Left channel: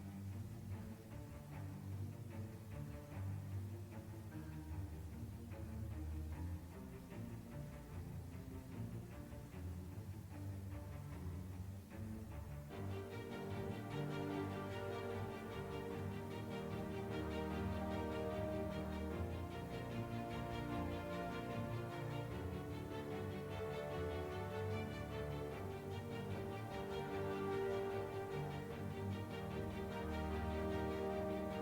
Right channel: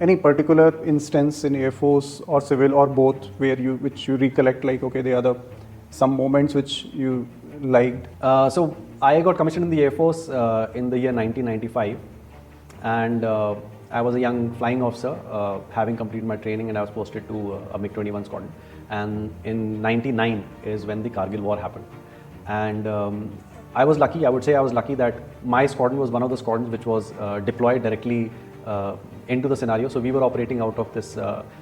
Any particular instance in Air Force or civil or both which you recollect, like, okay, the other some moments which you liked? So I got commissioned in the Air Force in the year 1995, and I was a young flying officer, having completed my training, and I was posted to a MiG-21 squadron. And in '99 is when the Kargil War happened, and I was lucky. I would say I was lucky that my squadron was one of the squadrons which was deployed directly into the scenario. So we were operating out of this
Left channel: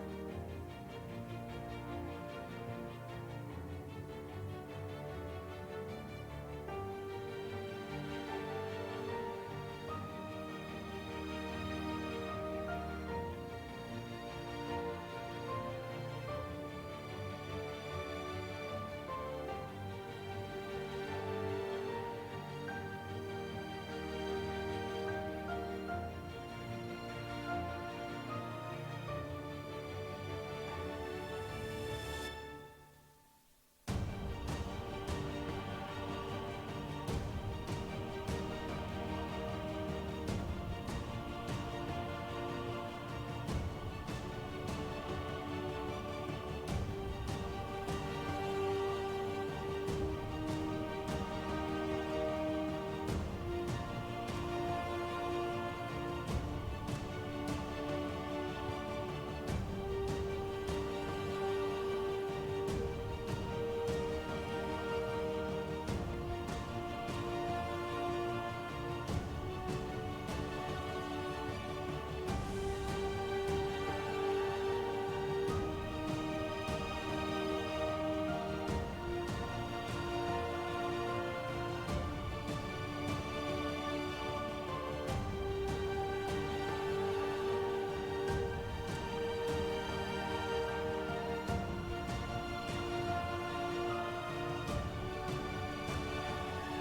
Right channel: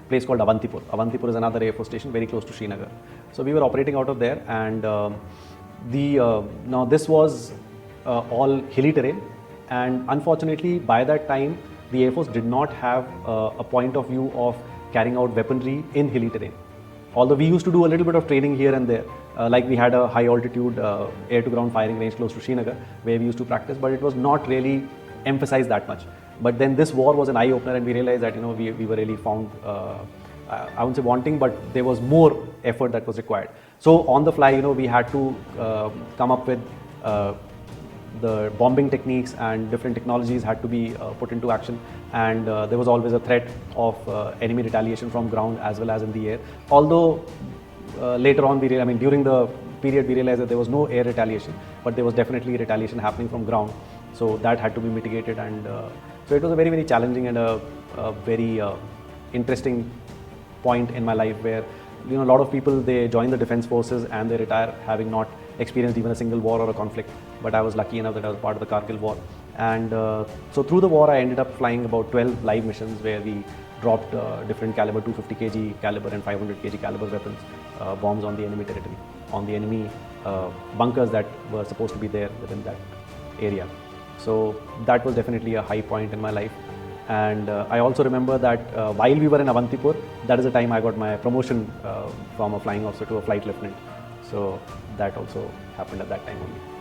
place called Avantipur. Avantipur is another Air Force station very close to Srinagar. So we were operating out of there, and now this was all hilly terrain, and unfortunately by that time the Air Force did not have a point of view of carrying out weaponry in hilly terrain. Although we used to do a little bit of training here and there, like we had a high altitude air to ground firing range close to Srinagar where we used to practice, but it was not really emphasized that much. But then this war was an eye opener, and we realized that we were really found, I wouldn't say wanting, but there was more effort that was required. So on the fly, we had to come up with the bombing techniques, and different technologies had to be put into action, and there was always a threat of enemy retaliation from ground as well as in the air. Although later on, during the period we realized that there was no air retaliation, but there was definitely retaliation happening from ground. So that had to be mitigated, and so it was a very, very challenging and a very interesting point in my life where a lot of people, they join the defense forces and they retire having not experienced even a single war or a conflict. But I was lucky enough that I was part of the Kargil war, and so through the war I ended up flying about 12 live missions where we dropped different caliber 250 kg caliber and 500 kg caliber weapons, bombs on the enemy territory, on the enemy bunkers that were supposed to be there within that area. So that was definitely a high point in my life. And I also remember that while we were in Avantipur, that is the time I got my promotion from a flying officer to a flight lieutenant. So that also happened at that time only.